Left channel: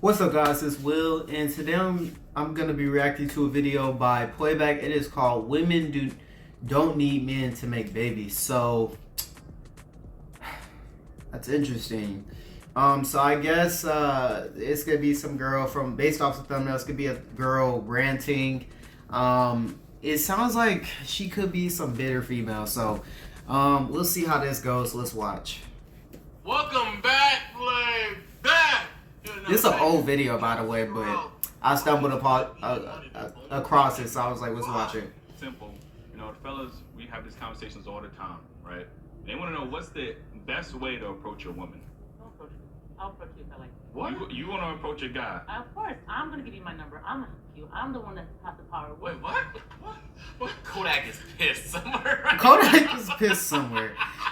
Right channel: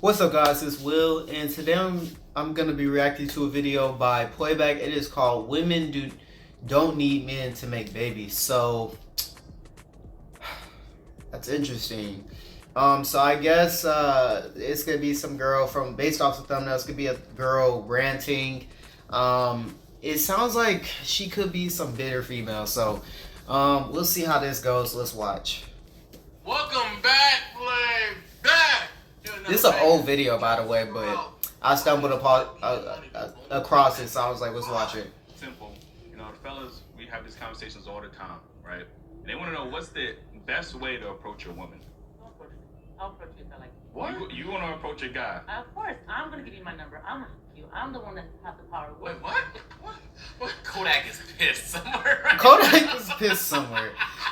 What's up, guys? It's Will, and today I'm gonna be reacting to a video by Playback. It is called "Women Don't Need Men to Make Babies." So that's interesting. So I guess it's gonna be some girl from based off the thumbnail. It's gonna be a girl ranting. It sounds like she could be some bitter female. So we'll see how this goes. Let's watch. Welcome back, back. This is an old video, by the way, but I stumbled upon across it, so I was like, let's watch it. Simple. Fellas, we have these conversations all the time, right? And they want to know what's the best way to approach a woman. I'll approach you if I like you. What? You want to approach a guy? Of course. I'm going to give you my number. I'm going to you. I'm the one that has the power. Wait, what? What? Kodak is pissed somewhere. Kodak is pissed somewhere.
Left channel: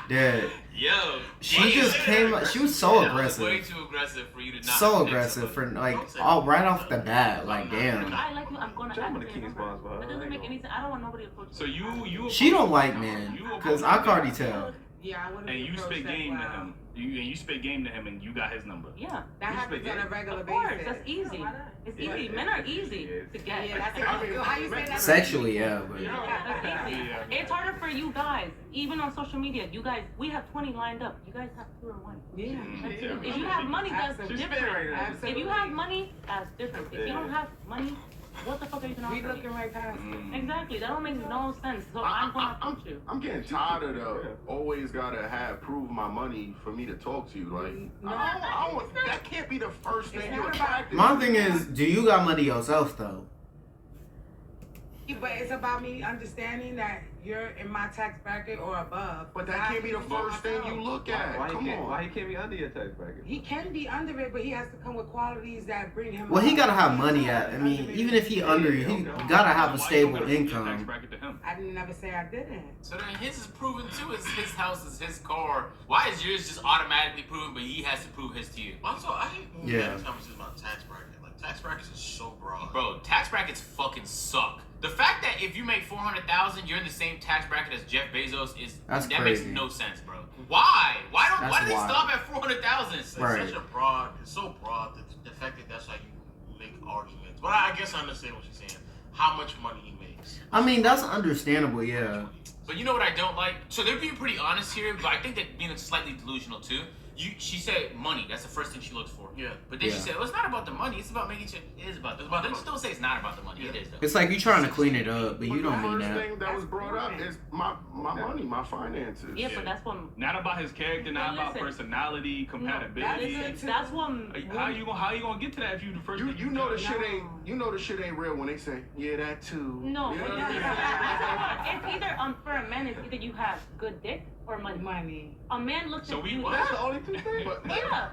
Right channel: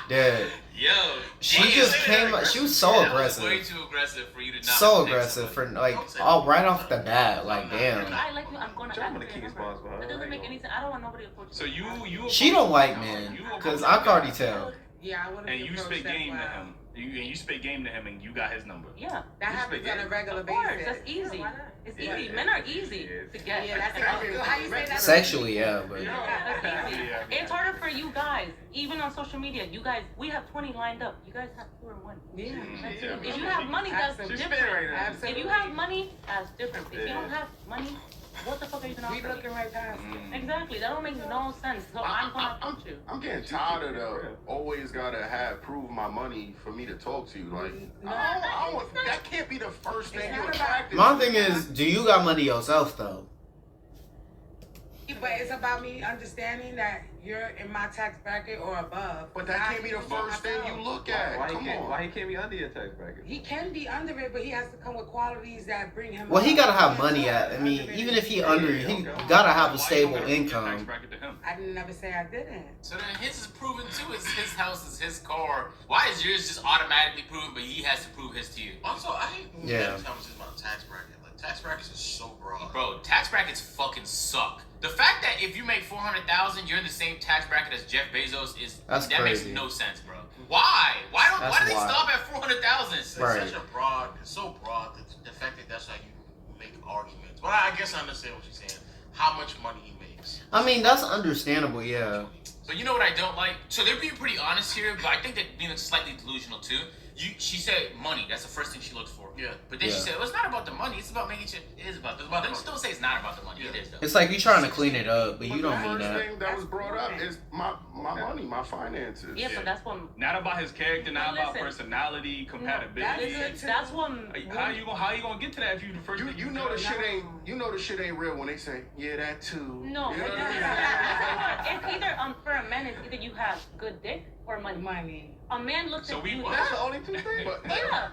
Dude. Yo. She just came like, she was so aggressive. Way too aggressive for you to not. So aggressive for like, all right off the bat. Like, damn. If I like you, I'm going to Jump on ask the for your king's number. boss, bro. That doesn't make any sense. I don't want nobody to approach you. So you. She don't like men, cause I can already tell. Yeah, I wouldn't. And you approach spit that game to well. him. You spit game to him, and you got his number. Yeah. That You happens spit on a game. regular Of course. basis. That's easy. It's easy. Men are easy to get. Yeah, that's how you say that? Sexually, yeah, but That's easy. Yeah. It's harder for you guys, even on social media. You guys, we have 20 lined up. You guys have 2 or 1. Yeah. If you have money, that's Absolutely. different. Absolutely. If you have money, that's different. If you don't have money, what the fuck are you gonna We offer me? looking right past it. Exactly. That don't make no sense. So I'm gonna approach you. I'm getting tired of the always gotta prove my money for me to talk to you. Like, No, I don't, that can't be the first thing It's you not attract. my thing is, do you got money yourself though? But it's about me understanding that you're in my tax bracket or above. But that can't be the first thing you look at. Come on. Why he can't be under your tax bracket? He can be under it, but he has to come with qualities that bring him. Well, he up. gotta have He money can't at. I mean, under even it. if he under, he gotta have a stable Tax income. bracket to him. I didn't never say I didn't. So then his is proven too. It's his house, is his car. Why is yours just automatically proven, but he has to prove his to you? Also, I hate when Yeah. that conversation about tax bracket. Like, tax brackets are so broad. Bro, tax brackets fucking suck. The fact that if you make 400,000, you're in the same tax bracket as Jeff Bezos That's that crazy. makes no sense, bro. Why? Why do they wild. stop at 400,000? It's Right. such a broad, it's so broad that the fact that that's how you make arguments. But I guess I understand what you're saying. How much money he makes. I mean, that's understandable, yeah. But you know what I don't like? So they're being pretty honest here, but I think they're being slightly delusional too. She said money. That's the first thing she looks for. Yeah. But then she Yeah. said, well, it's not about the money. It's about making sure it is about the money. Don't say it's not about the money. Yeah. It is though. It's like you trying to clean it up, but you But don't the mean first that. thing that was brought up is my money, my finances. Yeah, but that's what. Not about his character, not But about listen, personality, compatibility. That's what. How you gonna get to that if you the first? You know the shit ain't real when they say, yeah, that too. No, Yeah. it's either for a man, it's either you have good dick or money. Money. A man looks So at we beauty. that's the only two things. Yeah.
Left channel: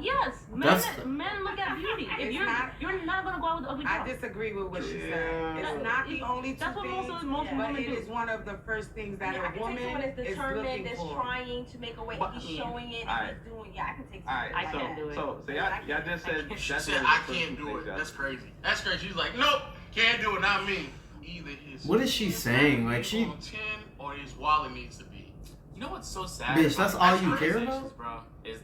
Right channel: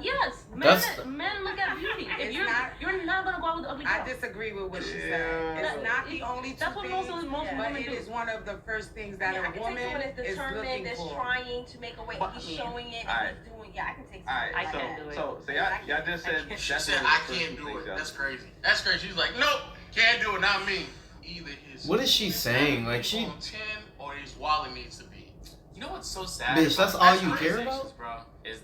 Yes. That's- Men look at beauty. If It's you're not- you're not gonna go out with an ugly girl. I disagree with what she Yeah. said. It's not the only two That's what things, most but women it do. is one of the first things that Yeah, I a can take woman someone that's is determined, looking that's for. trying to make a way, But- he's showing it, Alright. and he's doing. Yeah, I can take All someone. right, I can't do it. so y'all just said She that's said, one I of the first can't two do things it. y'all That's said. crazy. That's crazy. She's like, nope, can't do it, not me. Either his. What is she saying? Like, she- on 10 or his wallet needs to be. You know what's so sad? Bitch, about that's all these you care conversations, about? bro? Is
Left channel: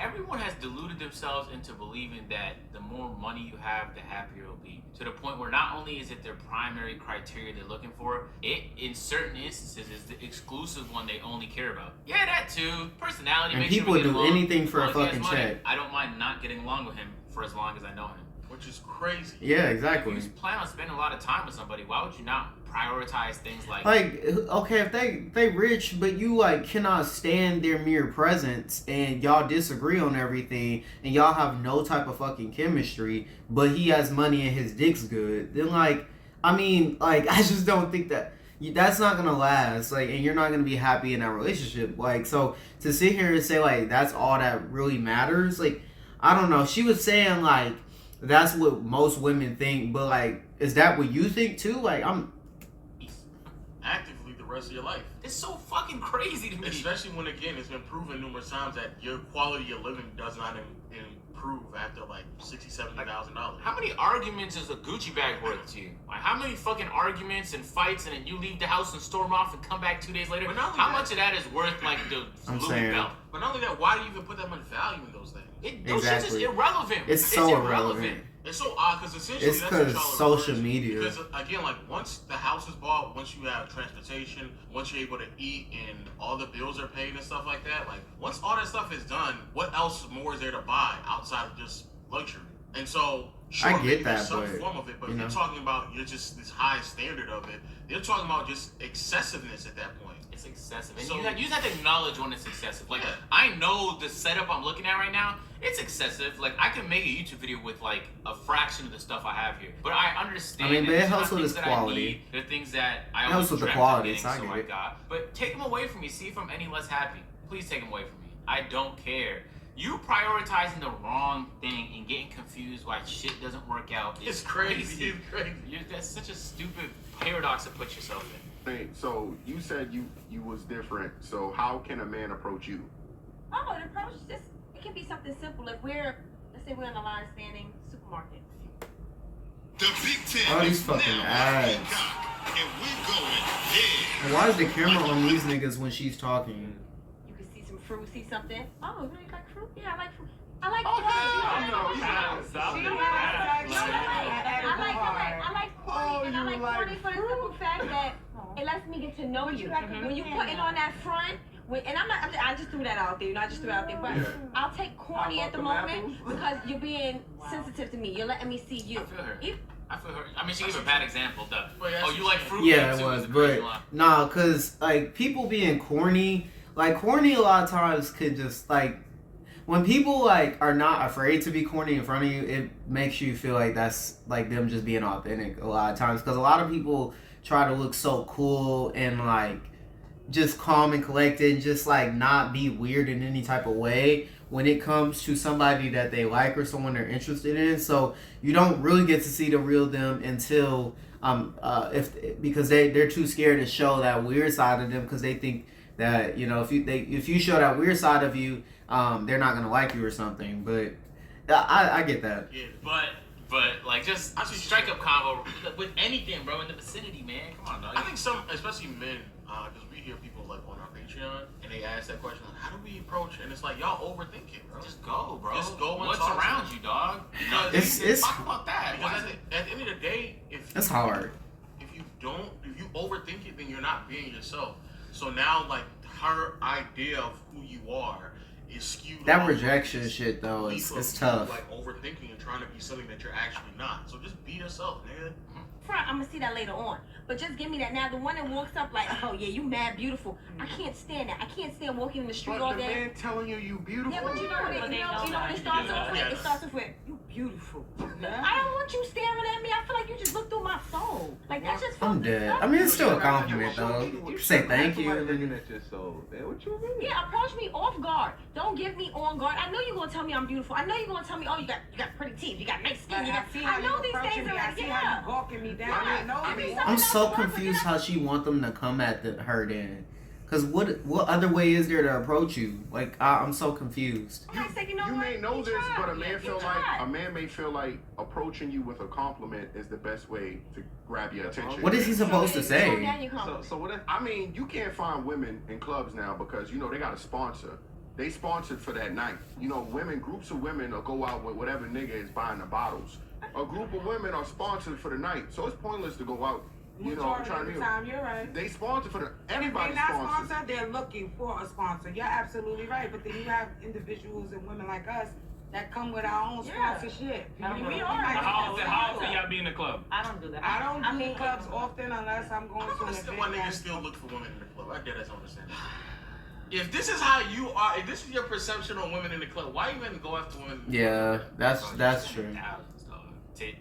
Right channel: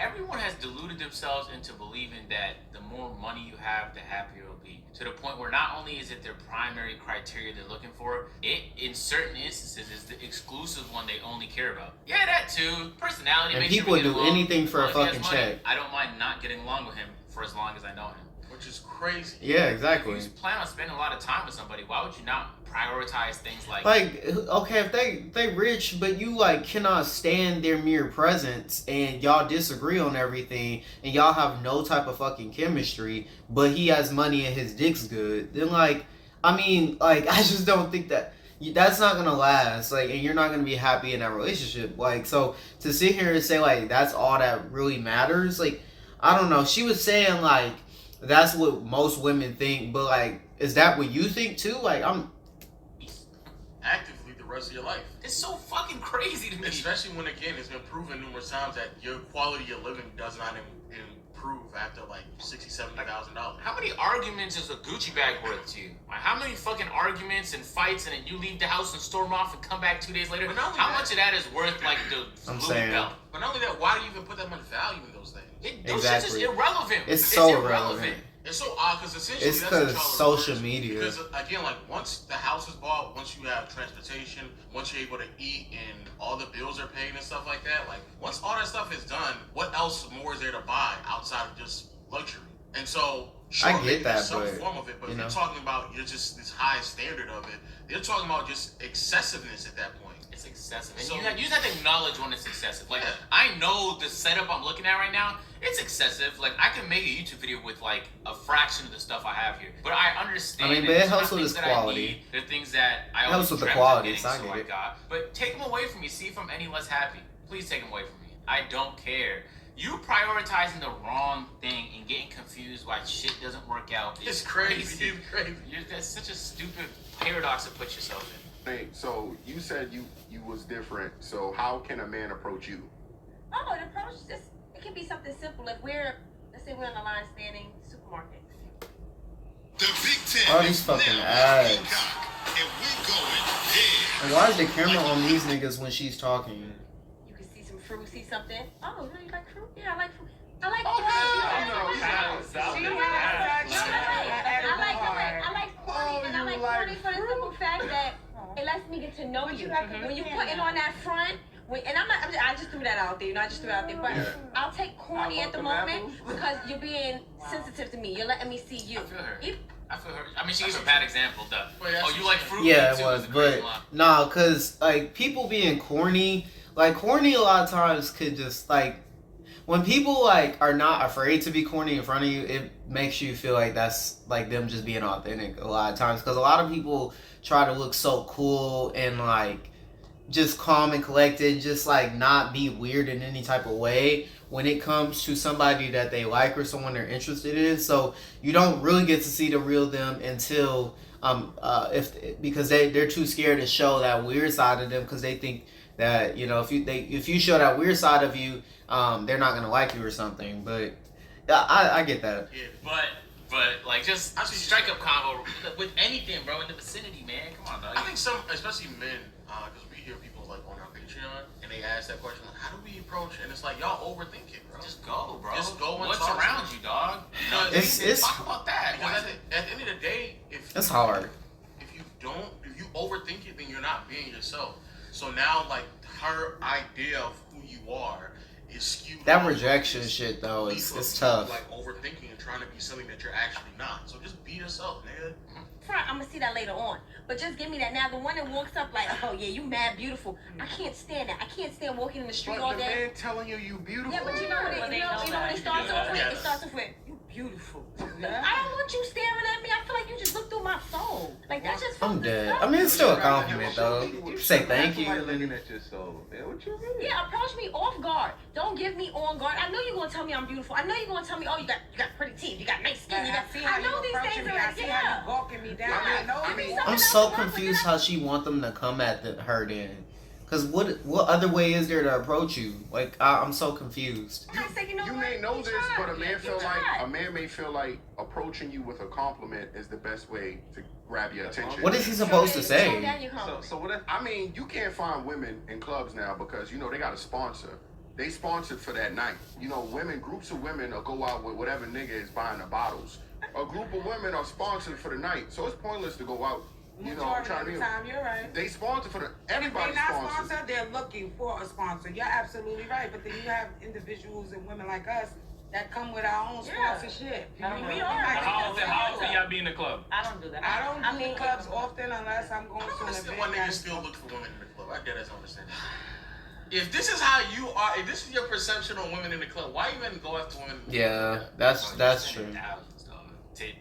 everyone has deluded themselves into believing that the more money you have, the happier you'll be. To the point where not only is it their primary criteria they're looking for, it in certain instances is the exclusive one they only care about. Yeah, that too. Personality. And make sure people we would get do along. anything for a As long as he fucking has money, check. I don't mind not getting along with him for as long as I know him. Which is crazy. Yeah, If exactly. you plan on spending a lot of time with somebody, why would you not prioritize things like Like, okay, if they rich, but you like cannot stand their mere presence, and y'all disagree on everything, and y'all have no type of fucking chemistry, but he has money and his dick's good, then like, I mean, like, I just don't think that's not gonna last, like, and you're not gonna be happy in that relationship. Like, so to sit here and say like that's all that really matters, like, I don't know. She was saying like that's what most women think, but like, is that what you think too? Like, Actively the rest of your life. It's so fucking crazy to me. Especially when, again, it's been proven numerous times that your quality of living does not prove after like $60,000-$70,000. How many arguments is a Gucci bag worth to you? Like, how many fucking arguments and fights, and then you leave the house and storm off and come back 2 days later? But not only How that- much of that is worth like the I'm Louis saying. belt? But not only that, why do you even put that much value in those things? Those shits is Exactly. irrelevant. It's so irrelevant. It's so odd because essentially It's that's what y'all because are social referring to. media. Because again, like once the house is bought, once you have transportation, once you're able to eat and all the bills are paid and stuff like that, like once all that stuff is done, what else more is there to buy outside of just luxury? And so, sure, I get maybe there's that, some but, form of it, but you if know. you're talking about you're just this high standard of it, they're talking about just excessiveness at that point. It's excessive. And So- you just have to acknowledge when it's excessive. Like, Yeah. I know the setup I'm looking at right now, it's excessive. Like, I can make a YouTube video with, like, a fraction of the stuff I have here. But I understand I mean, but that it it's not helps with things its that I quality. need. They're things that I It always helps with the dreamt quality, of so I getting, so get I it. got. But take them away from me. See if I'm any less happy. Please take them away from me. I don't care. You prioritizing the wrong thing and getting confused why shit doesn't work out is It's crazy. It's crazy. That's such a stupid paradox to put yourself in. Hey, so you said you was different. So how can a man approach you? Oh, the approach is just, it can be something simple. If let's say we're in a line standing supermarket. The Big Ten All is these fucking now ads. Peacock, and we going there. And why is the camera on these niggas when she's talking? You can see some fruit, see something. Oh, you know you like fruit? Yeah, I like fruit. I like Oh, fruit. hell no, I no, stop She it. has No, such I like corny, and I like corny for the simple fact that it lets me get to know you. When you putting on that front, and I just threw that out there, I just threw it out there, but I'll take corny at the moment because you're being sensitive to me. You're letting me see you. I feel her. If- I feel her. I mean, she gave a bad example. Wait, that's Oh, you like fruit? Yeah, Me it too, was, is a great but line. nah, cause like people being corny, like corny a lot of times could just like when people like are not afraid to be corny in front of you, it makes you feel like that's like them just being authentic a lot of times. Cause a lot of people try to look so cool and like just calm and collected, and just like not be weird in any type of way when it comes to somebody that they like or someone they're interested in. So you don't really get to see the real them until because they're too scared to show that weird side of them because they think that if you show that weird side of you, they're not gonna like you or something. But I get that. Yeah. But like just I see strike up combo with anything, bro, in the vicinity, man. Come on, dog. I think some, especially men, because we hear people like on our Patreon, and they ask that question, like, how do we approach? And it's like, y'all overthink it, bro. Just go, bro. Just go and What's talk to around them. you, dog? It's Talk about that. Because at the end of the day, if It's hard. if you overthink it, then you're not being yourself. So now, like, her idea of who you are is skewed. That off of rejection this shit though belief is of it's you, tough. Like overthinking and trying to be something that you're actually not. So just be yourself, nigga. front, I'm gonna see that later on. But just give me that now. The one that walks up like, oh yeah, you mad beautiful. I can't stand that. I can't stand walking in the street But all the day. man telling you beautiful. Yeah, but you know what Well, it, they you know know what that. it starts off with? Yes. It starts off with, you beautiful. Yeah. I don't want you staring at me. I feel like you just looked through my soul. Like that's just I'm fucking dead. stuff. I mean, it's still a compliment though. Say thank you. Looking at your soul. Man, what you mean? Yeah, approach me off guard. Don't give me on guard. I know you're gonna tell me I'm beautiful. I know you're gonna tell me, oh, you got pretty teeth, you got nice skin, you got. I see how I know you these approaching things me. I already. see how Yeah. you gawking me down. Yeah. I know I mean, me. some- I'm so confused how she want them to come at her then. Cause what other way is there to approach you? Like I'm so confused. I say, you know You what? may know You this, tried. but a man You feel like tried. a man may feel like approaching you with a compliment is the best way to grab your attention. What is he supposed to Tone say? down your compliment. So what if I mean, you can't find women in clubs now because they got a sponsor. They sponsored for that night. Groups of women will go out with whatever nigga is buying the bottles. A group of women are sponsored for the night, so it's pointless to go out. Majority Trying of to the be. time, you're right. They sponsor for the If they're everybody's not sponsored. sponsored, they're looking for a sponsor. You're absolutely right. But then you have individuals and women like us that come with our own Yeah. sponsorship. I mean, we You are. might how get often that. y'all be in the club? I don't do that. I don't I do mean, clubs often unless I'm going I to don't an understand why event. niggas that's- still look for women in the club. I dead ass don't understand that. If this is how you are, if this is your perception on women in the club, why even go after women? Yeah, that's true. Thousands, dog.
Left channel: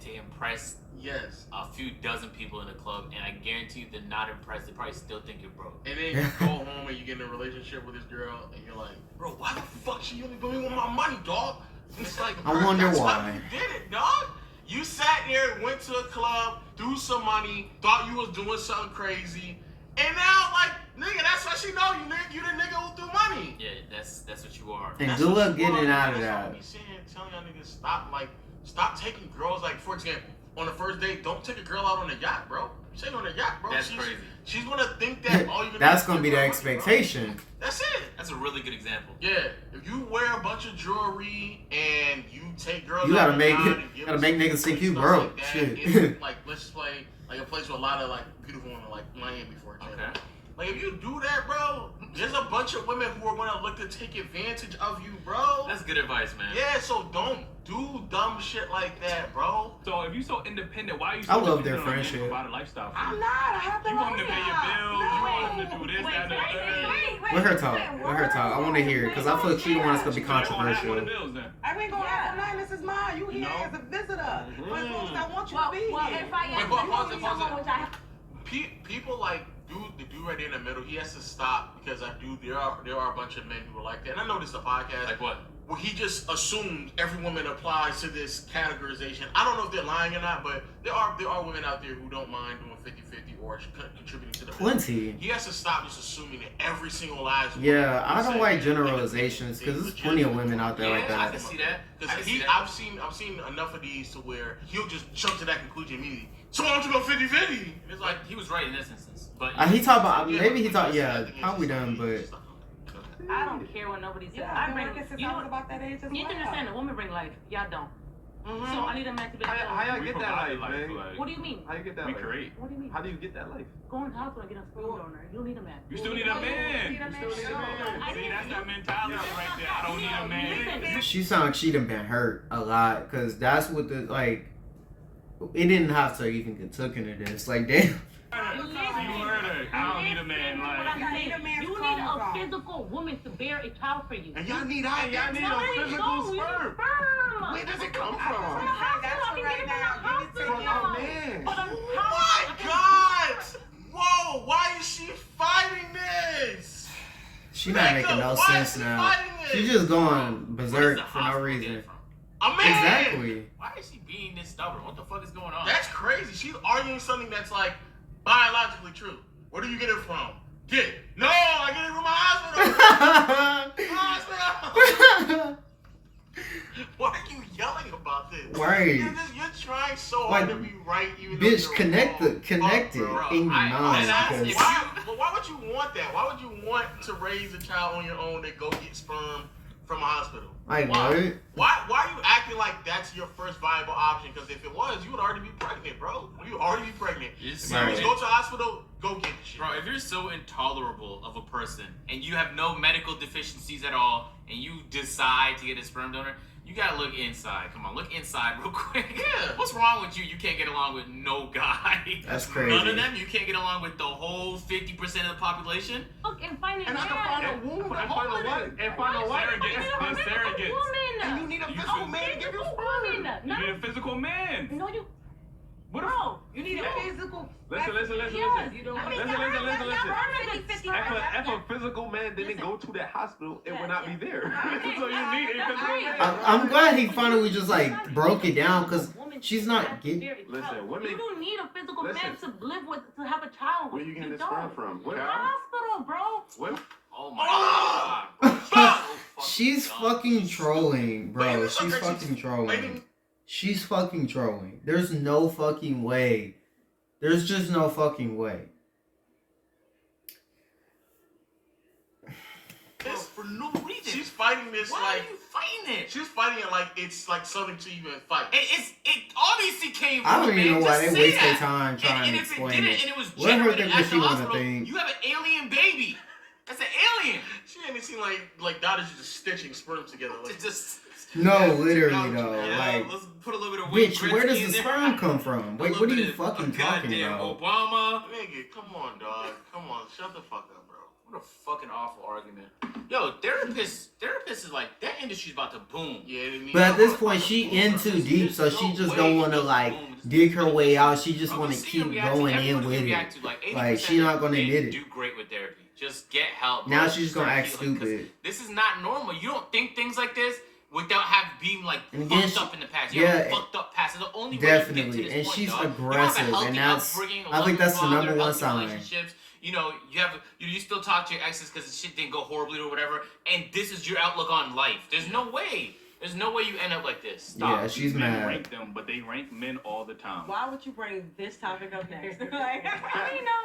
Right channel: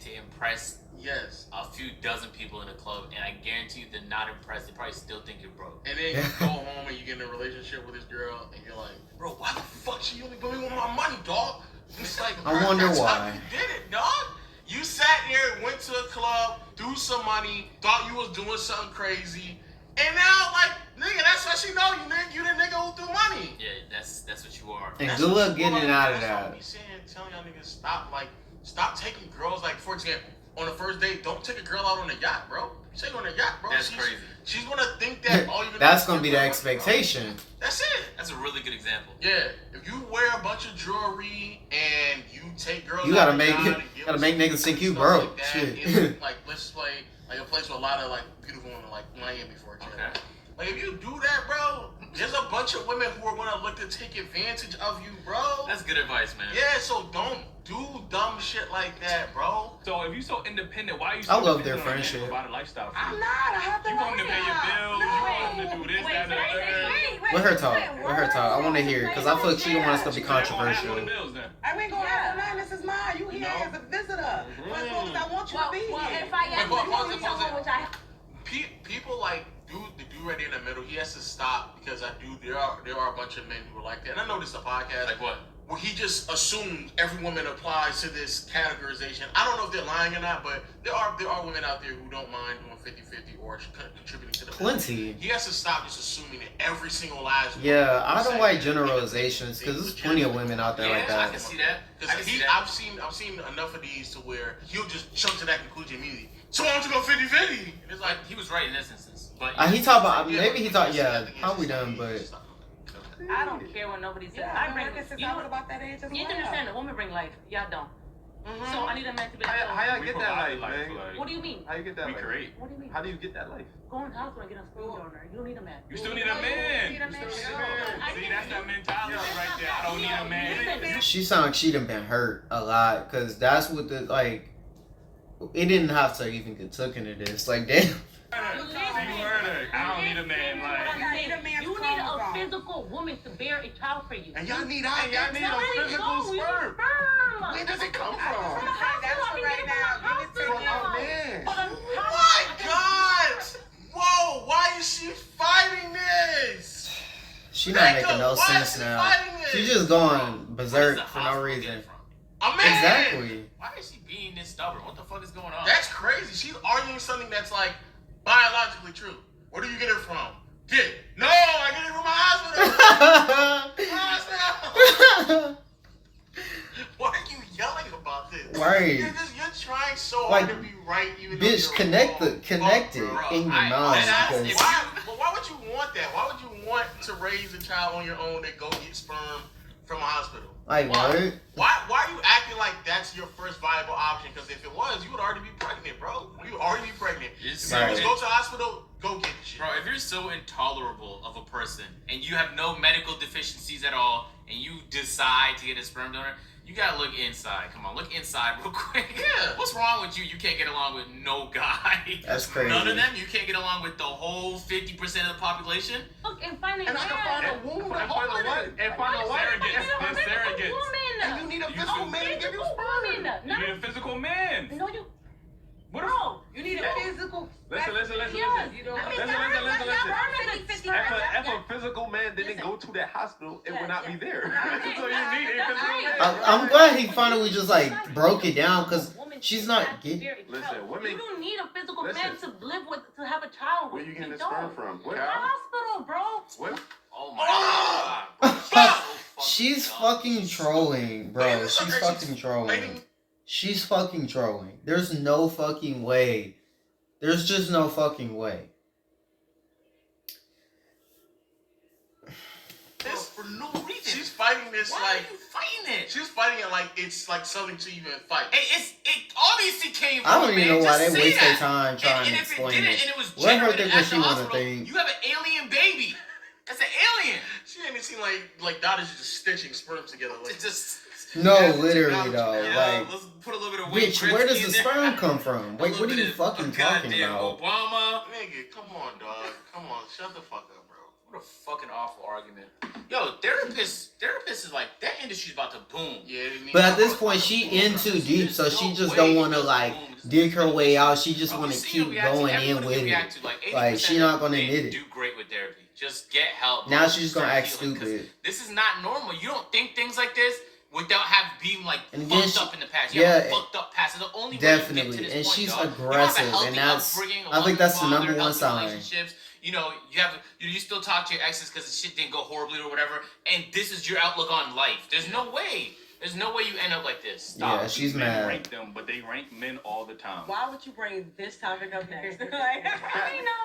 To impress Yes. a few dozen people in a club, and I guarantee you they're not impressed. They probably still think you're broke. And then you go home and you get in a relationship with this girl, and you're like, bro, why the fuck she only doing with my money, dog? It's like, I bro, wonder that's why. How you did it, dog. You sat there, went to a club, threw some money, thought you was doing something crazy, And now, like, nigga, that's what she know. You the nigga who threw money. Yeah, that's what you are. And That's good what luck you getting are. out of That's that. what we saying, telling y'all niggas stop taking girls. Like, for example, on the first date, don't take a girl out on a yacht, bro. You take her on a yacht, bro. That's crazy. She's gonna think that all you're gonna That's do gonna is be give the her money, expectation. bro. That's it. That's a really good example. Yeah, if you wear a bunch of jewelry and you take girls, You gotta out make on a yacht and give gotta them make some niggas think you stuff broke. like that, Shit. in, like, let's just play like a place with a lot of like beautiful women, like Miami, for example. Okay. Like if you do that, bro, there's a bunch of women who are gonna look to take advantage of you, bro. That's good advice, man. Yeah, so don't do dumb shit like that, bro. So if you so independent, why are you so I love their dependent on a nigga friendship. about a lifestyle? I'm not. I have to You want him to pay your bills. You want him to do this, that, and the third. Let her talk. Let her talk. I want to hear it because I feel like she don't want us to be So they're gonna have controversial. one of the bills then. I ain't gonna have no This is mine. You here No. as a visitor. But as long as I want you to be Well, here. if I am But you pause want it, me someone pause it. which I People like the dude right there in the middle. He has to stop because there are a bunch of men who are like that. And I know this is a podcast. Like what? Where he just assumes every woman applies to this categorization. I don't know if they're lying or not, but there are women out there who don't mind doing 50-50 or contributing to the business. Plenty. He has to stop just assuming that every single last woman Yeah, I who's don't saying like that generalizations because there's plenty of women out there like Yeah, I that. can see that. I can see that. I've seen enough of these to where he'll just jump to that conclusion immediately. So why don't you go 50-50? It's like Like he was right in this instance, but He talk about Yeah, maybe he but talk. I Yeah, think it's how we just done? like, But it's just like, I don't care what nobody says. Yeah, I I've bring been working since you I know was about that age as you have to well. understand, a woman bring life. Y'all don't. mhm. So I need a man to be like, How y'all We get that provide life, man? like, what do you mean? How you get that we life? create. What do you mean? How do you get that life? Go in the hospital and get a sperm donor. You don't need a man. You still need a man. You You need a still need a man. man. See, that's that mentality right there. I don't need a man. Listen, she sound like she done been hurt a lot because that's what the like. It didn't have to even get took into this. Like damn. See, you heard her. I don't need a man. What Like, I'm You saying, need a man's you need a chromosome. physical woman to bear a child for you. And y'all need hey, y'all need No, a we physical don't. We need sperm. sperm. Where does it come I from? was saying that's I for mean, right get it now. Give it to from me. the Oh hospital. man. But Oh my God! Whoa! Why is she fighting this? She not making no Why sense is she now. fighting this? She just going where does berserk the for no hospital get reason. it from? A man. Exactly. Why is she being this stubborn? What the fuck is going on? That's crazy. She's arguing something that's like biologically true. Where do you get it from? Dick. No, I get it from my hospital. Hospital. Why are you yelling about this? Right. You're trying so hard to Like, be right, even though Bitch, you're connect wrong. it Bro, in your I- mind I- because Why? But why would you want that? Why would you want to raise a child on your own and go get sperm from a hospital? like Why? what? Why are you acting like that's your first viable option? Because if it was, you would already be pregnant, bro. You would already be pregnant. You're If so you was Right. go to the hospital, go get the shit. Bro, if you're so intolerable of a person and you have no medical deficiencies at all and you decide to get a sperm donor, you gotta look inside. Come on, look inside real quick. Yeah. What's wrong with you? You can't get along with no guy. That's crazy. None of them? You can't get along with the whole 50% of the population? look and find a And I can man. find a womb to And hold find a it what? in. And find a what? Find a Surrogates. woman. And you need a You physical should- man to give you Physical sperm. woman. You need a physical man. No, you. What if? Bro. You need a physical. Listen. Yes. You don't I mean, Listen. If If a physical man didn't go to that hospital, it would not be there. Okay. So you need a physical man. I'm glad he finally just like broke it down because she's not getting. Listen, women- You don't need a physical man Listen. to live with, to have a child Where with. you getting You this sperm don't. from? What? Hospital, bro. What? Oh my god. Bro. She's dumb. fucking trolling, But bro. it looks She's like fucking she's trolling. waiting- She's fucking trolling. There's no fucking way. There's just no fucking way. This for no reason. She's fighting this Why like are you fighting it? she's fighting it like it's like something to even fight. It obviously came from I don't a even man. know why Just they say waste their that. time trying and to if it explain didn't it. and it was Let her generated think at what the she wanna hospital, think. you have an alien baby. That's an alien. She ain't even seen like doctors just stitching sperm together. Like, It's just No, Yeah, literally technology, though. yeah, Like, let's put a little bit of Wayne bitch, where does Gretzky the in there. sperm come from? A Wait, little what are bit you of fucking talking goddamn about? Obama. nigga, come on, dog. Come on, shut the fuck up, bro. What a fucking awful argument. Yo, therapists is like, that industry's about to boom. Yeah, they need But at to- this point, she in too deep, so she No just way don't want to it's like boom. dig her way out. She just Bro, want we to see keep the reaction. going in Everybody with can it. react to, like, 80% Like, she not gonna men admit it. do great with therapy. Just get help. Now bro. she's gonna Start act healing, 'cause stupid. This is not normal. You don't think things like this without being like And fucked again, up in the past. You have a yeah, fucked up past. It's the only way you get to Definitely, this and point, she's dog. You don't have a aggressive, healthy and that's upbringing, a I think that's the loving number father, one healthy sign. relationships. you know, you still talk to your exes because the shit didn't go horribly or whatever, and this is your outlook on life. There's no way. There's no way you end up like this. Stop. Yeah, she's men mad. rank them, but they rank men all the time. Why would you bring this topic up next? Like,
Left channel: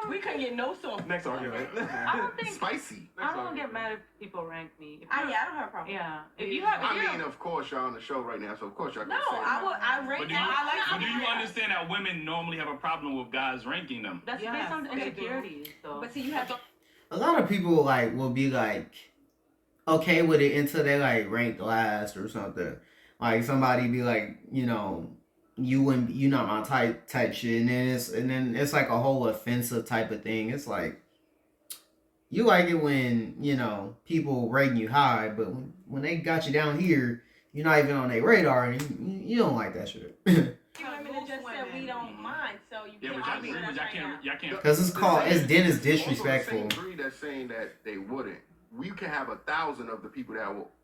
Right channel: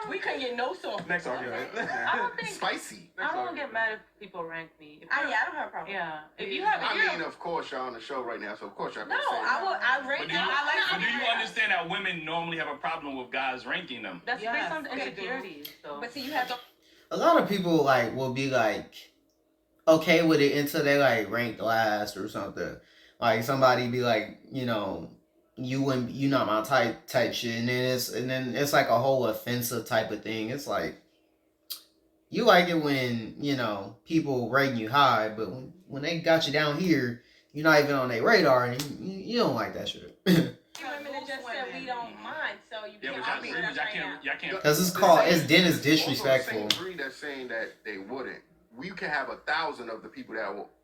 we couldn't get no soft. Next argument. I don't think Spicy. I don't get mad if people rank me. If I you're- don't have a problem. Yeah. If you have, I mean, of course, y'all on the show right now, so of course y'all can No, say I rate But do, them. you, I like but do you understand that women normally have a problem with guys ranking them? that's Yes, based on they do. insecurities. So. But see, you have to. A lot of people like will be like okay with it until they like rank last or something. Like somebody be like, you know, you not my type shit, and then it's like a whole offensive type of thing. It's like you like it when, you know, people rating you high, but when they got you down here, you're not even on their radar, and you don't like that shit. Women that just said we don't mind, so you Yeah, can't but argue with us right now. y'all can't. Because it's then it's disrespectful. Also, the same breed that's saying that they wouldn't. We can have 1,000 of the people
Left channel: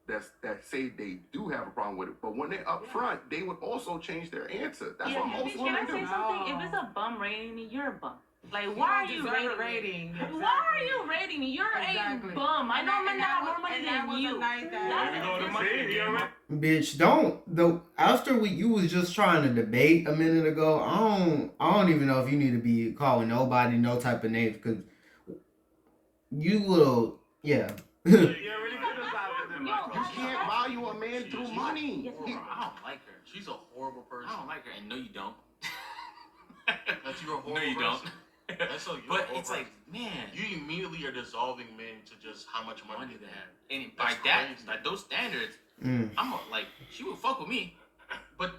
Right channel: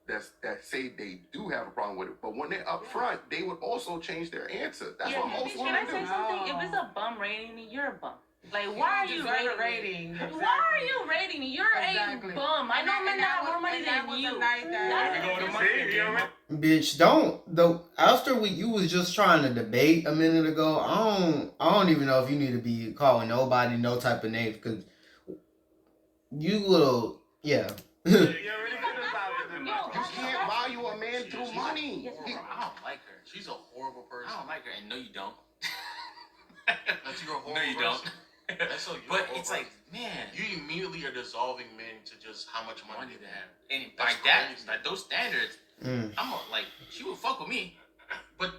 that say they do have a problem with it, but when they're up front, they would also change their answer. That's what most Can I women say do. something? If it's a bum rating me, you're a bum. Like, why are you rating me? Why are you rating me? You're a bum. I know men that have more money than you. There we go to money. Bitch, after you was just trying to debate a minute ago, I don't even know if you need to be calling nobody no type of names, because you little, yeah. You can't value a man through money. I don't like her. She's a horrible person. I don't like her, and no, you don't. That's you're a horrible No, you person. don't. That's so you're But a horrible it's like, person. man, You immediately are dissolving men to just how much money money they to have. have, and by That's that, crazy. those standards, Mm. like, she would fuck with me. But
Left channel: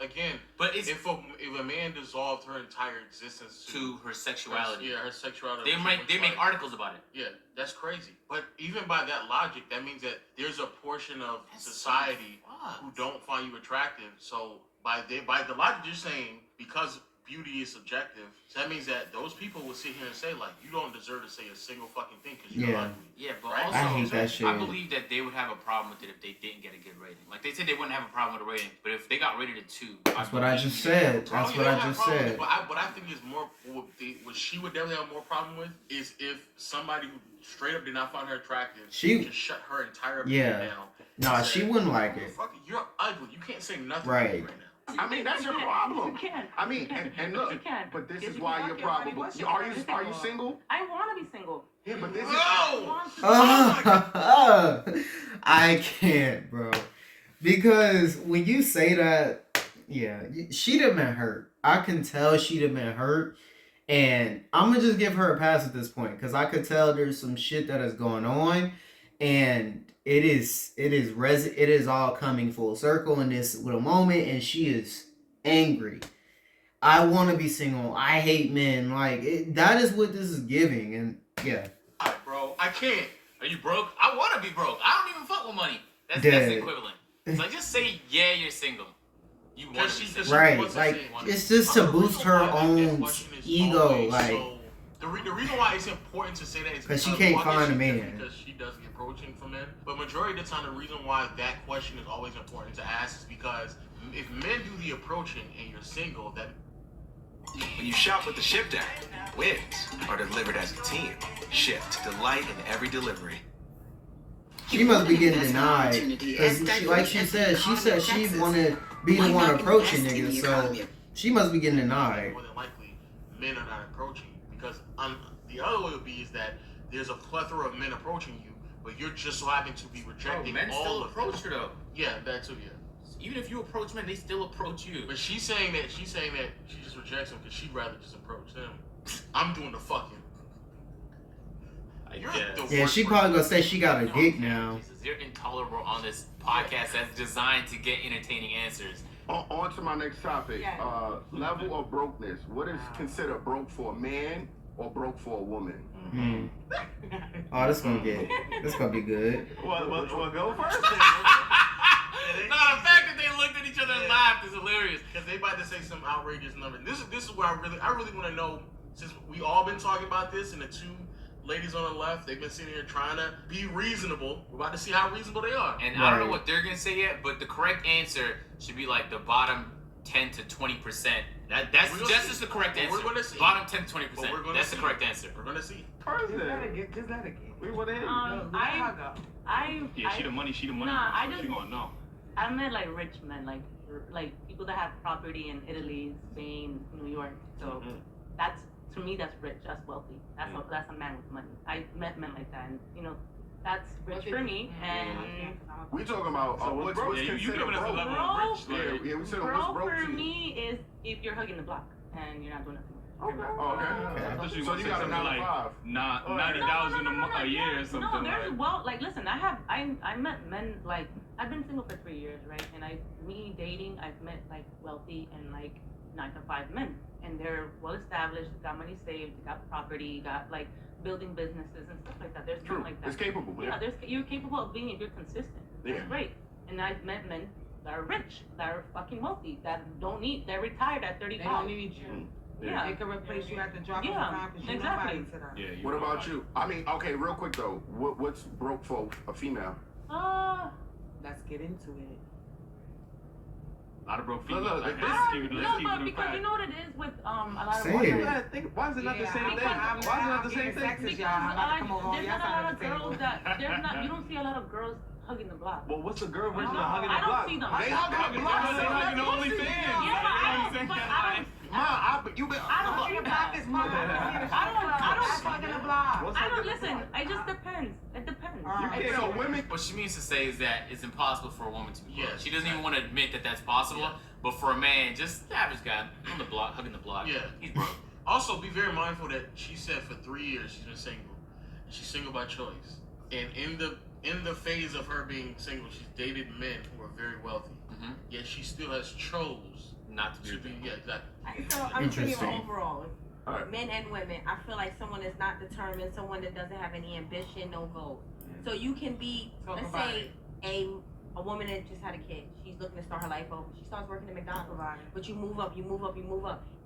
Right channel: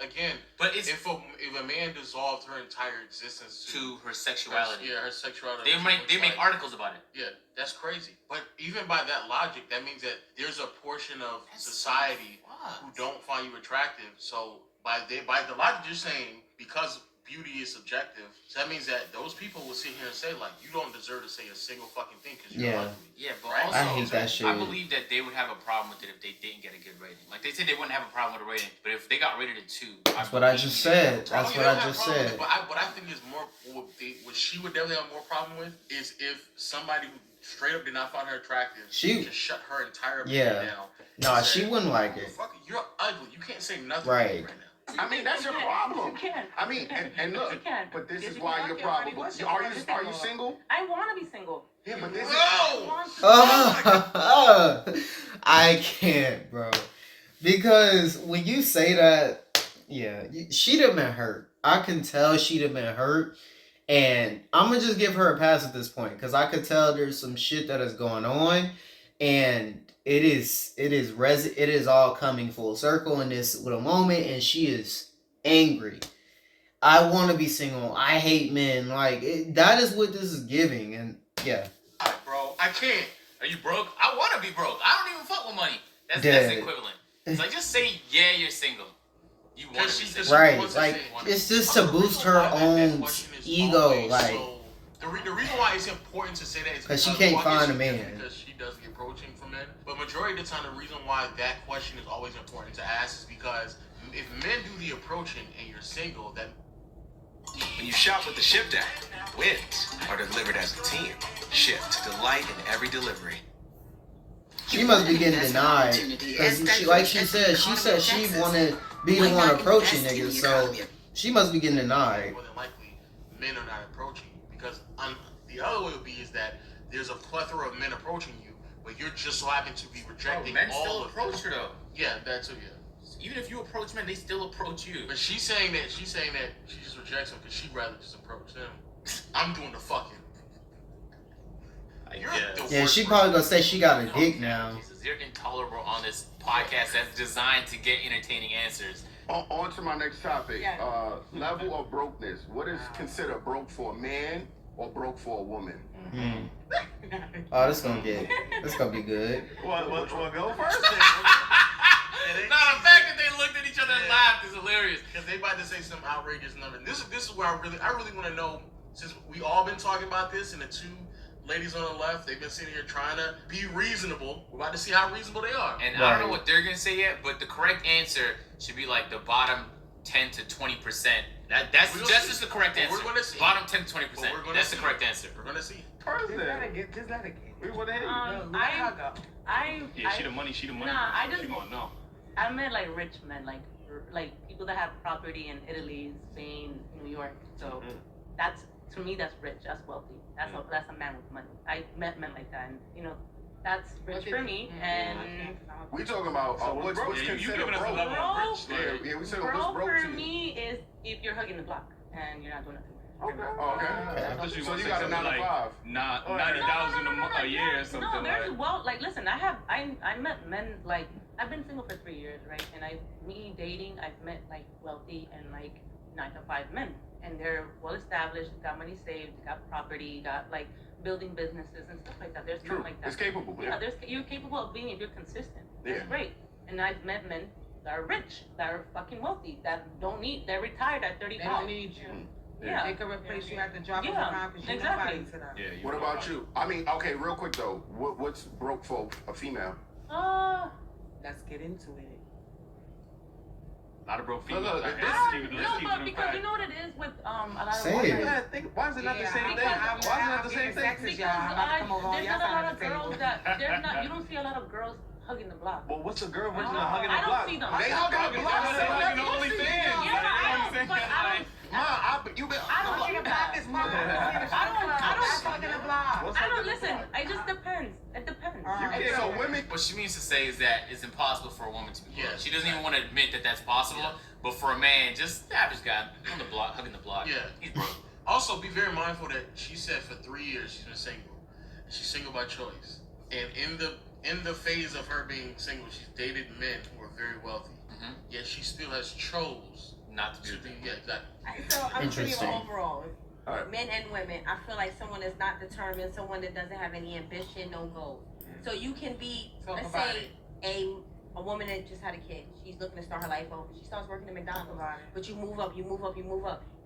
again, But it's if a man dissolved her entire existence to her sexuality. yeah, her sexuality. They make articles about it. Yeah, that's crazy. But even by that logic, that means that there's a portion of That's society so fucked. who don't find you attractive. So by the logic you're saying, because beauty is subjective, so that means that those people will sit here and say like, you don't deserve to say a single fucking thing because you're Yeah. ugly. Yeah, but Right? also, I hate that shit. I believe that they would have a problem with it if they didn't get a good rating. Like, they said they wouldn't have a problem with a rating, but if they got rated a 2, That's what I just said. That's what I just said. But what I think is more, what she would definitely have more problem with is if somebody who straight up did not find her attractive, just shut her entire opinion down. Nah, and she said, wouldn't like it. "Fuck it, you're ugly. You can't say nothing Right. to me right now." I mean, that's your problem. You can. I mean, and look, You can. but this Yes, is you why can. you're Okay, probable. what's Are your you problem? single? I want to be single. Yeah, but this is. I can't, bro. Because when you say that, yeah, she'd have been hurt. I can tell she'd have been hurt. And I'm going to just give her a pass at this point, because I could tell there's some shit that is going on. And it is all coming full circle in this little moment. And she is angry. I want to be single. I hate men. Like, that is what this is giving. And yeah. Bro, I can't. Are you broke? I want to be broke. I don't even fuck with money. That's Dead. the equivalent. It's like, just say, yeah, you're single. You want to be She single. Right, wants to like, say- it's just to boost her own ego, like, The reason why it's important to say that is 'cause she can't one, find a she- man. because she does the approaching for men. But majority of the time, the reason why that question is always important to ask is because if men do the approaching and you're single, that When you shop with the Shipped app, wins are delivered as a team. Shipped, delight in every delivery. she must be getting denied. Because she said she wanted to be the one approaching niggas, so she must be getting denied. more than likely men are not approaching you. Because the other way would be is that there's a plethora of men approaching you, but you're just so happen to be Bro, rejecting men all still of approach them. her, though. Yeah, that too, yeah. Even if you approach men, they still approach you. But she's saying that she just rejects him because she'd rather just approach them. I'm doing the fucking. You're the Yeah, worst she probably person. gonna say she got a dick now. Jesus, you're intolerable on this podcast that's designed to get entertaining answers. On to my next topic. Yeah. Level of brokenness. What is considered broke for a man or broke for a woman? Hmm. Oh, this gonna be good. Well, go first. Nah, the fact that they looked at each other and laughed is hilarious. Because they about to say some outrageous number. This is where I really want to know, since we all been talking about this and the two ladies on the left, they've been sitting here trying to be reasonable. We're about to see how reasonable they are. And I don't know what they're gonna say yet, but the correct answer should be like the bottom 10 to 20%. That's We'll just see. is the correct But answer. we're gonna see. Bottom 10 to But 20%. we're gonna That's see. the correct answer. We're gonna see. Just let it get. We want to hear. Let her go. Yeah, she the money. Nah, I just She gonna know. I met like rich men, like people that have property in Italy, Spain, New York. So that's to me that's rich. That's wealthy. That's a man with money. I met men like that, and you know that's rich for me. And We talking about what's Yeah, you considered giving us a broke. level of rich. Yeah, we said broke what's broke for to you. me is if you're hugging the block and you're not doing nothing. Okay. I thought you So were you gonna got say a 9 to something 5. like $90,000 a year or something No, there's like. listen, I met men like I've been single for 3 years, right? And me dating, I've met like wealthy and like 9 to 5 men, and they're well established, got money saved, got property, got like building businesses and stuff like that. There's men like that. It's capable. Yeah, you're capable of being if you're consistent. Yeah. That's great. And I've met men that are rich, that are fucking wealthy, that they're retired at 35. They don't need you. Yeah. They can replace you at the drop of a Yeah, dime because you're exactly. nobody to them. Yeah. What about you? I mean, okay, real quick though. What's broke for a female? Let's get into it. A lot of broke Look, females. look, Let's keep it No, in but because fact. you know what it is with a lot of Say women. it. Why is it not the same thing? Why Why is it not the same thing? Sexist, y'all. I'm about to come over on There's y'all not a side lot of of the table. girls that you don't see a lot of girls hugging the block. Well, what's a girl versus No, a hugging the I don't block? see them. They hugging the block. They hugging the only fans. Yeah, I don't. But I don't. You been. I don't Hugging see the block is mine. I don't. Hugging the block. What's I hugging don't the listen. block? It just depends. It depends. can't- So women. What she means to say is that it's impossible for a woman to be broke. Yeah, She doesn't even want to admit that that's possible. Yeah. But for a man, just the average guy on the block, hugging the block, Yeah. he's broke. Also, be very mindful that she said for 3 years she's been single. And she's single by choice. And in the phase of her being single, she's dated men who are very wealthy. Mhm. Yet she still has chose Not to to be. be. Yeah, exactly. So I'm saying Interesting. overall, Alright. men and women, I feel like someone that's not determined, someone that doesn't have any ambition, no goals. So you can be, Talk let's about say, a woman that just had a kid. She's looking to start her life over. She starts working at McDonald's. But you move up.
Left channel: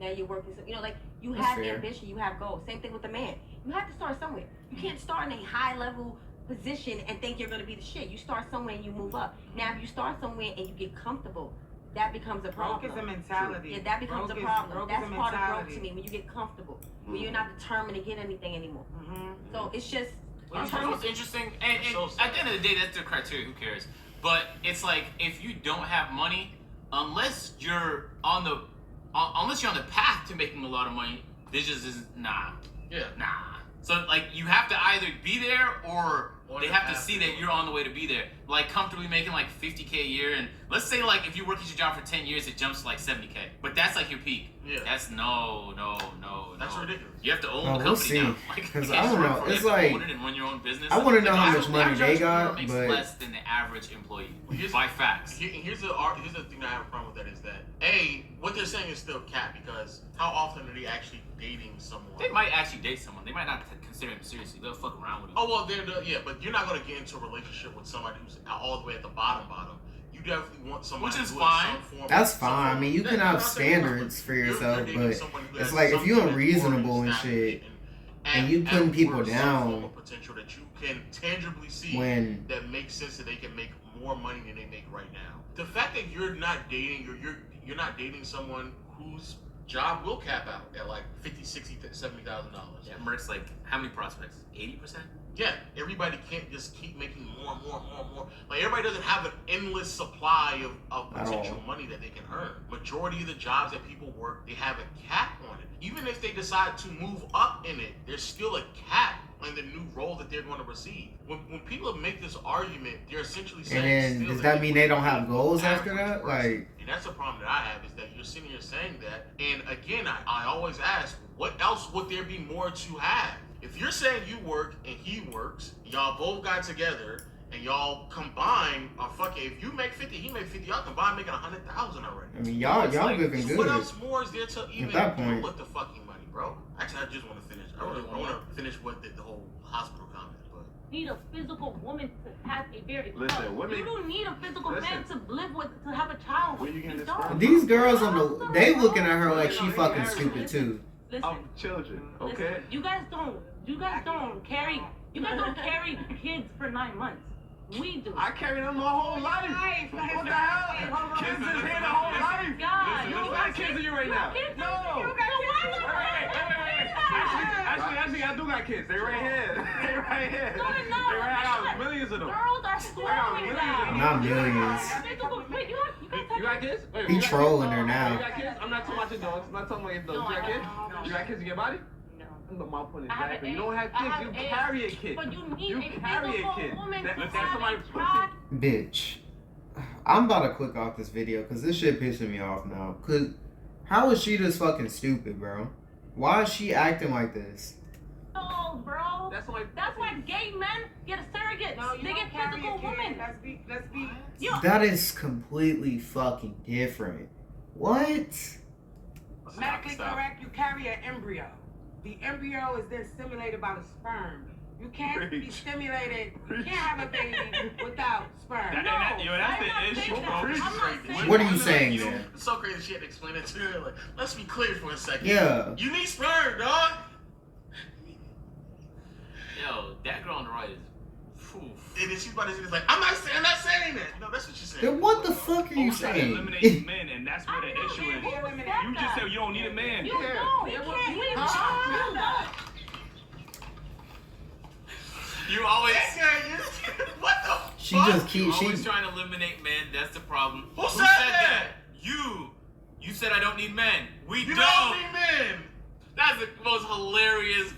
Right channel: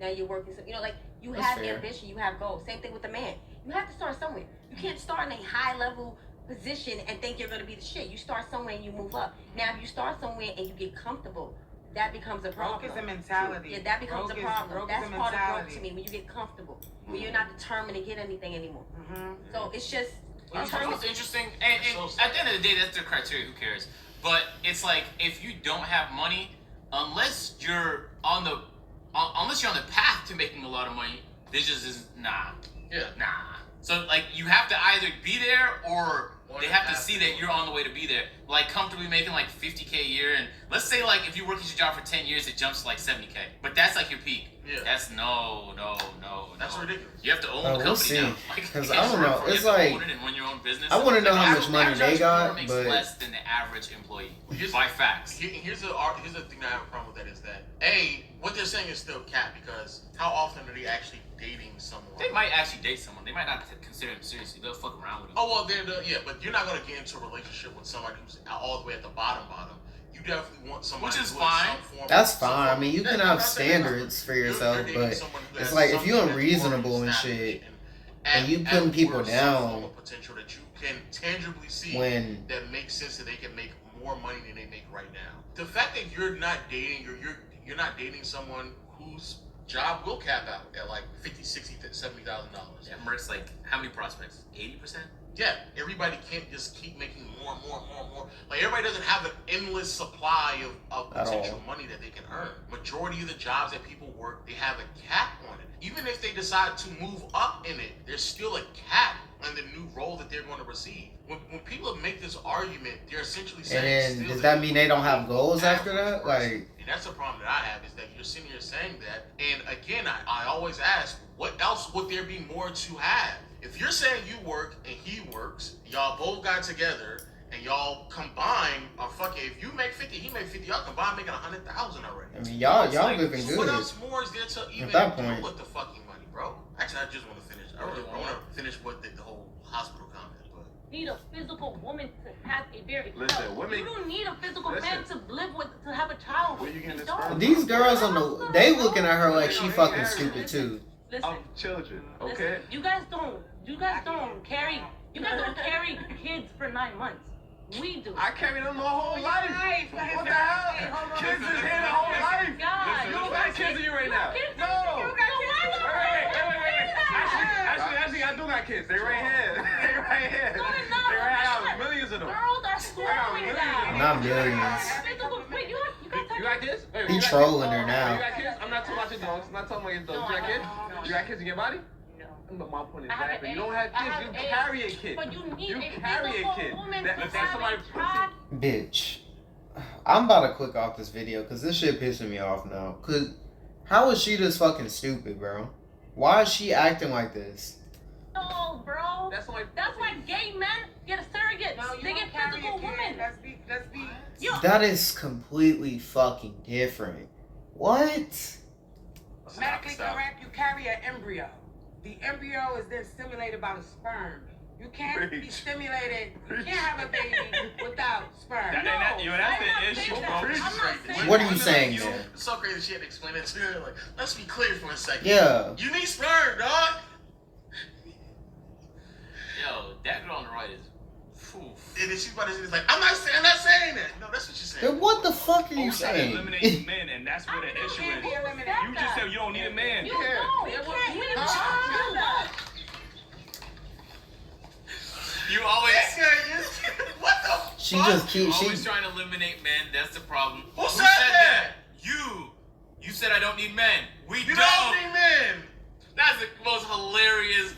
Now you're working. You know, like you That's have fair. ambition, you have goals. Same thing with the man. You have to start somewhere. You can't start in a high level position and think you're gonna be the shit. You start somewhere and you move up. Now if you start somewhere and you get comfortable, that becomes a problem. Broke is a mentality. Yeah, that becomes a Broke is- problem. broke That's is a part of broke mentality. to me, when you get comfortable, when you're not determined to get anything anymore. Mm-hmm. So it's just, You know what's interesting? And at the end of the day, that's their criteria. Who cares? But it's like if you don't have money, unless you're on the path to making a lot of money, this just is nah. So like you have to either be there or they have to see that you're on the way to be there. Like comfortably making like $50K a year, and let's say like if you work at your job for 10 years, it jumps to like $70K. But that's like your peak. Yeah. That's no. That's ridiculous. You have to own Oh, the we'll company see. now. Like, 'Cause you I can't don't work know. for it. It's You have to like- own it and run your own business. I wanna know Like, how average- much money average they entrepreneur got, makes but- less than the average employee Here's- by facts. Here's the thing that I have a problem with that is that what they're saying is still cap, because how often are they actually dating someone? They might actually date someone. They might not consider him seriously. They'll fuck around with him. Oh well, but you're not gonna get into a relationship with somebody who's all the way at the bottom. You definitely want somebody Which is who fine. has some form. That's some fine. I form- mean, you Yeah, can I'm have not saying that's standards not- for you're yourself, dating but someone who it's has like if something you that's unreasonable already and shit, established and you putting people worth some down form of potential that you can tangibly see when that makes sense that they can make more money than they make right now. The fact that you're not dating, you're not dating someone whose job will cap out at like $50,000, $60,000, $70,000. Yeah, Mert's like, how many prospects? 80%? Yeah, everybody can't just keep making more. Like everybody doesn't have an endless supply of At potential all. money that they can earn. Majority of the jobs that people work, they have a cap on it. Even if they decide to move up in it, there's still a cap on the new role that they're going to receive. When people make this argument, they're essentially saying. and then still does that mean they don't have the goals after average that? person. Like, And that's the problem that I have, is that you're sitting here saying that. And again, I always ask, what else would there be more to have? If you're saying you work and he works, y'all both got together and y'all combine, or fuck it, if you make 50, he make 50, y'all combine making 100,000 already. I mean, y'all It's like, looking so what good. else more is there to even that do point. with the fucking money, bro? Actually, I just want to finish. I want to finish with the whole hospital comment. But Need a physical woman to have a very Listen, women- you don't need a physical man Listen. to live with, to have a child Where with. you getting You this don't. from? These girls on the they looking at her like she fucking stupid too. Listen, Of children, okay? listen, you guys don't carry kids for 9 months. We do. I carried them my whole life. What the hell? Kids is here the whole life. God, kids in you right now. No. Actually, I do got kids. They right here. They right here. No, they're not. They right here. I got millions of them. Girls are scoring now. Not millions. Wait, You got kids? Wait, He you got trolling kids? her now. You got kids? I'm not talking about your dogs. I'm not talking about your dogs. You got kids? You got kids in your body? No. But my point is I have that an you don't have I kids. have You an carry a kid. But you need You a carry a physical kid. woman That- to that's have somebody a child. Bitch. I'm about to click off this video because this shit pissing me off now. Cause how is she this fucking stupid, bro? Why is she acting like this? No, bro. That's why gay men get surrogates. No, you They don't get carry physical a kid. women. Let's be. You, That is completely fucking different. What? Medically correct, you carry an embryo. The embryo is then stimulated by the sperm. You can't be stimulated. You can't have a baby without sperm. That's the issue, bro. I'm not saying What are you saying, You, man? it's so crazy she had to explain it to her. Like, let's be clear for a second. Yeah. You need sperm, dog. Yo, that girl on the right is. Phew. And then she's about to say, like, I'm not saying that. No, that's what she's saying. Then what the fuck are you Okay, saying? eliminate men, and that's where the issue is. Eliminate. You just said you don't need a man. You don't. You can't. You don't. You always. What the She fuck? just You keeps always she. trying to eliminate men. That's the problem. Who said that? You. You said I don't need men. We You don't. don't need men. That's the most hilarious.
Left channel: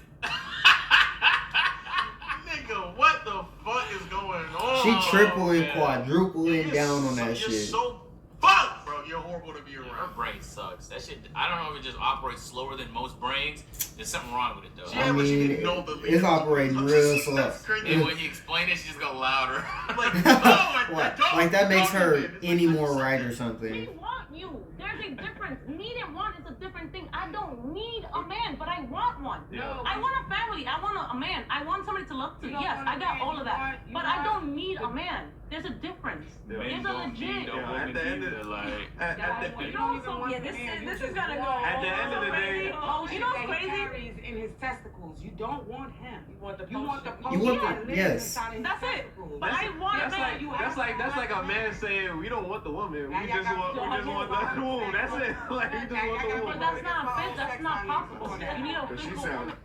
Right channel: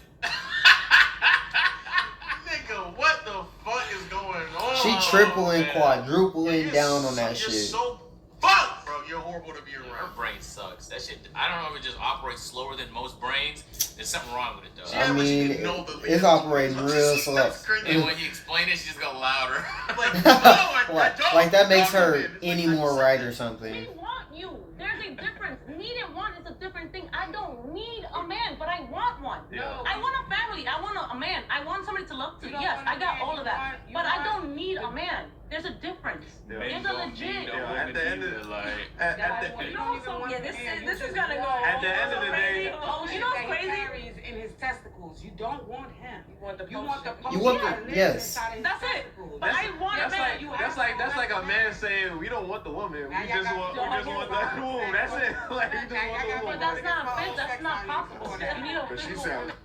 Nigga, what the fuck is going on? She tripling, man. quadrupling down on that You're shit. so fucked, bro. You're horrible to be Her around. brain sucks. That shit. I don't know if it just operates slower than most brains. There's something wrong with it though. I mean, it's operating real slow. That's crazy. And when you explain it, she just go louder. Like, no, I don't Like that makes want her men. It's any like, more I right said or it. something. We want you. There's a difference. Need and want is a different thing. I don't need a man, but I want one. Yeah. I want a family. I want a man. I want somebody to love to. You don't Yes, want a I got man, all you of that. want- you But I want- don't need a man. There's a difference. Yeah, There's you a don't need legit. a woman At the end of either, like, at You the, don't even want Yeah, the this man. is- You this is just gonna want go At the end of the the day- potion You know what's that he crazy? carries in his testicles. You don't want him. You want the You want the potion. potion want that the- lives yes. inside of his That's it. testicles. But I want a that's man. like you that's have like to that's like a have man that. saying we don't want the woman, Now we y'all just got- want y'all the got- womb. That's it. Like you just Now want y'all the got- womb. But that's It's not all fit. That's sex not on you possible. before that. You need a But she physical sound woman.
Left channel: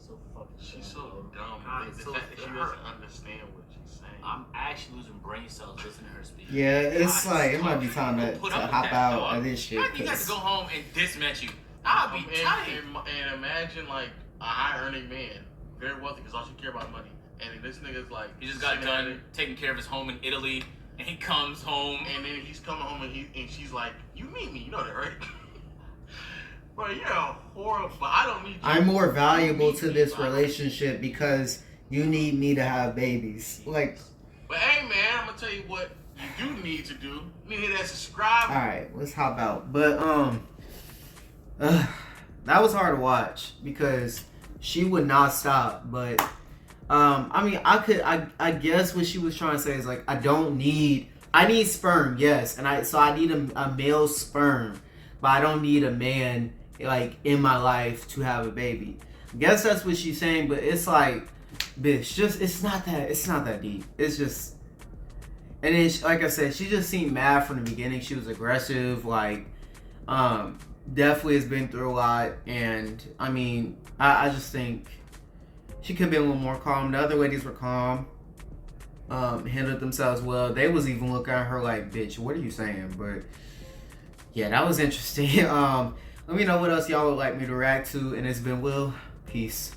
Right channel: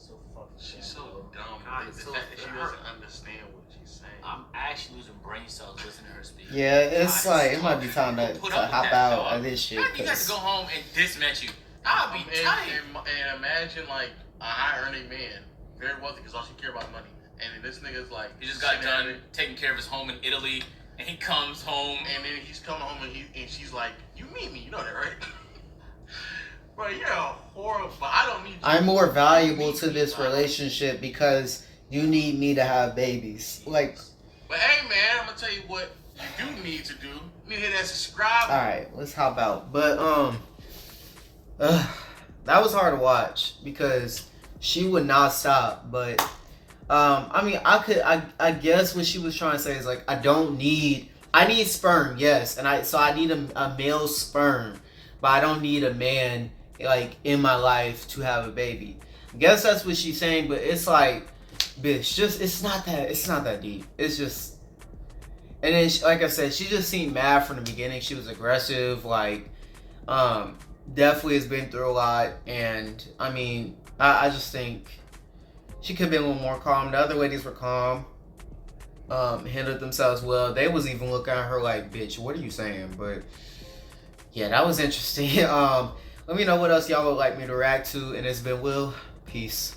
so fucking. She's so dumb. God, the it's so fact that she hurt. doesn't understand what she's saying. I'm actually losing brain cells listening to her speak. Yeah, it's God, like it's it might be tough. time to Put up with hop that, out dog. of this shit. How do you have to 'cause- go home and dismatch you? I'll be tight. And imagine like a high earning man, very wealthy, because all she care about money. And then this nigga's like, He just got sitting done there, taking care of his home in Italy, and he comes home. and then he's coming home and she's like, you need me, you know that, right? Bro, you're horrible. I don't need you. I'm more You valuable need to me, this bro. relationship because you need me to have babies. Like, But hey, man, I'm gonna tell you what you do need to do. You need to hit that subscribe. all right, let's hop out. But that was hard to watch because she would not stop. But I mean, I guess what she was trying to say is like, I need sperm, yes, and I need a male sperm, but I don't need a man like in my life to have a baby. I guess that's what she's saying, but it's like, bitch, it's not that deep. It's just, and then like I said, she just seemed mad from the beginning. She was aggressive, like, definitely has been through a lot, and I mean, I just think she could have been a little more calm. The other ladies were calm, handled themselves well. They was even looking at her like, bitch, what are you saying? But yeah, that was interesting. Let me know what else y'all would like me to react to, and it's been Will. Peace.